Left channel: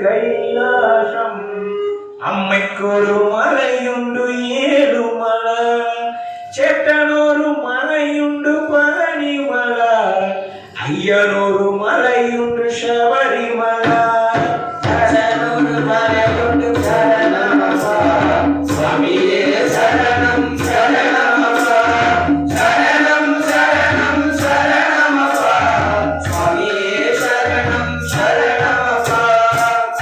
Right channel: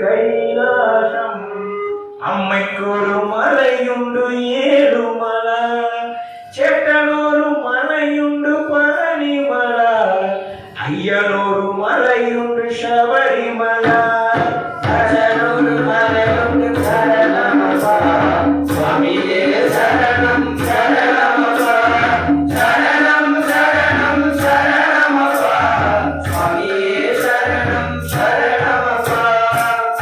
கைலாசம் அம்மைக்கொரு மலையுண்டு ஏழுமல சேட்டனொரு மலையுண்டு பழனிமல ஐயனொரு மலையுண்டு சபரிமல அஜனொரு மலையுண்டு சரணமப்பா சுவாமியே சரணம் சரணமப்பா சரணம் சரணம் சரணமப்பா சுவாமியே சரணம் சரணமப்பா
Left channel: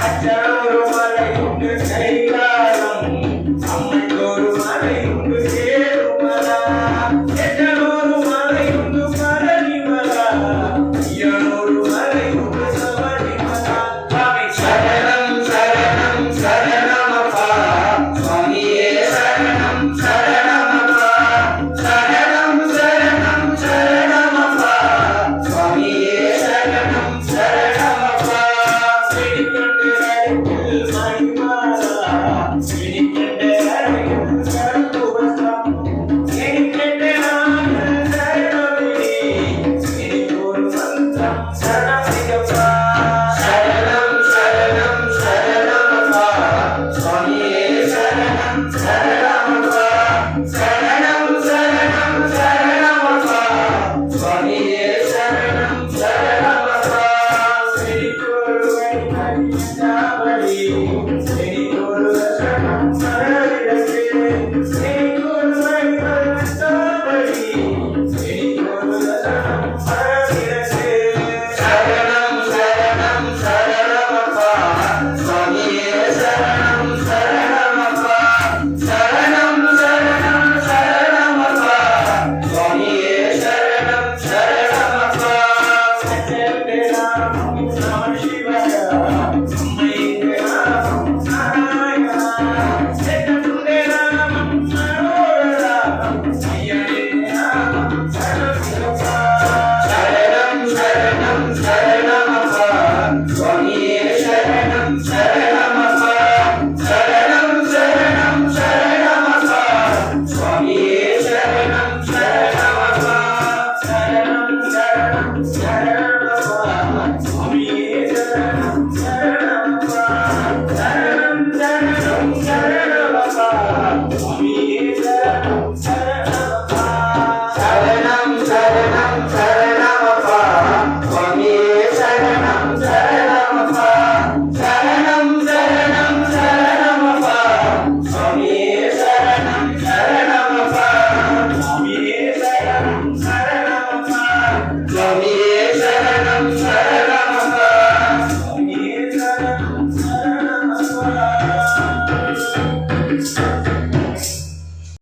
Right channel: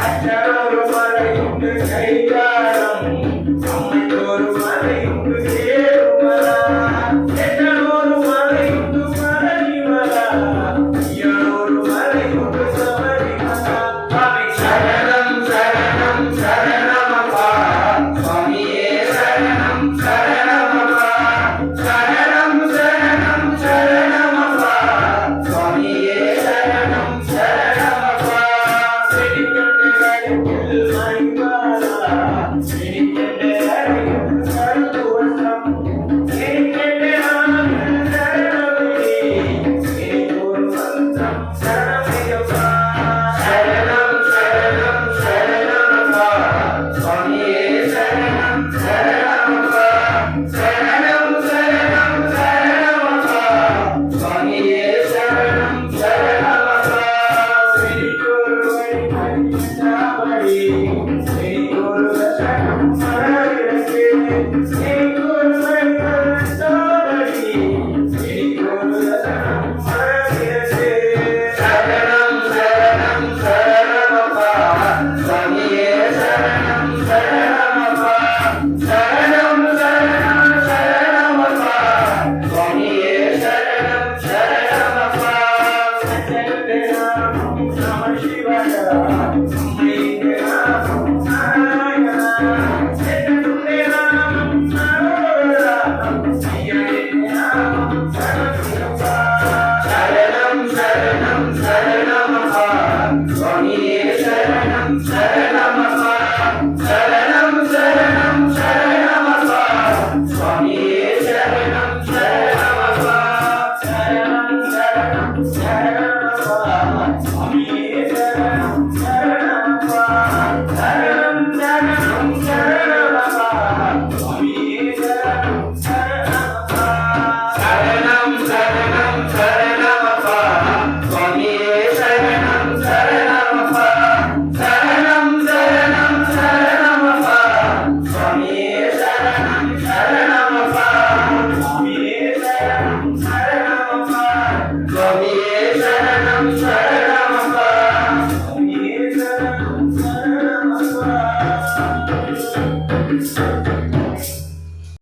அஜனொரு மலையுண்டு கைலாசம் அம்மைக்கொரு மலையுண்டு ஏழுமல சேட்டனொரு மலையுண்டு பழனிமல ஐயனொரு மலையுண்டு சபரிமல சுவாமி சரணம் சரணம் சரணமப்பா சுவாமியே சரணம் சரணமப்பா சரணம் சரணம் சரணமப்பா சுவாமியே சரணம் சரணமப்பா செடிக்கொண்டு கருத்தில் மணிமாலா செடிக்கொண்டு கருத்தில் கருத்து வஸ்திரம் செடிக்கொண்டு நாமங்கள் தருபவனே எனக்கொரு மந்திரம் சரணமையப்பா சரணம் சரணம் சரணமப்பா சுவாமியே சரணம் சரணமப்பா சரணம் சரணம் சரணமப்பா சுவாமியே சரணம் சரணமப்பா செடிக்கொரு வழிபடி செடிக்கொரு சரணம் மரவிடத்து செடிக்கொரு வழிபடி செடிக்கொரு சரணம் மரவிடத்து சரணம் சரணம் சரணமப்பா சுவாமியே சரணம் சரணமப்பா சரணம் சரணம் சரணமப்பா சுவாமியே சரணம் சரணமப்பா சரணம் நம சிவாய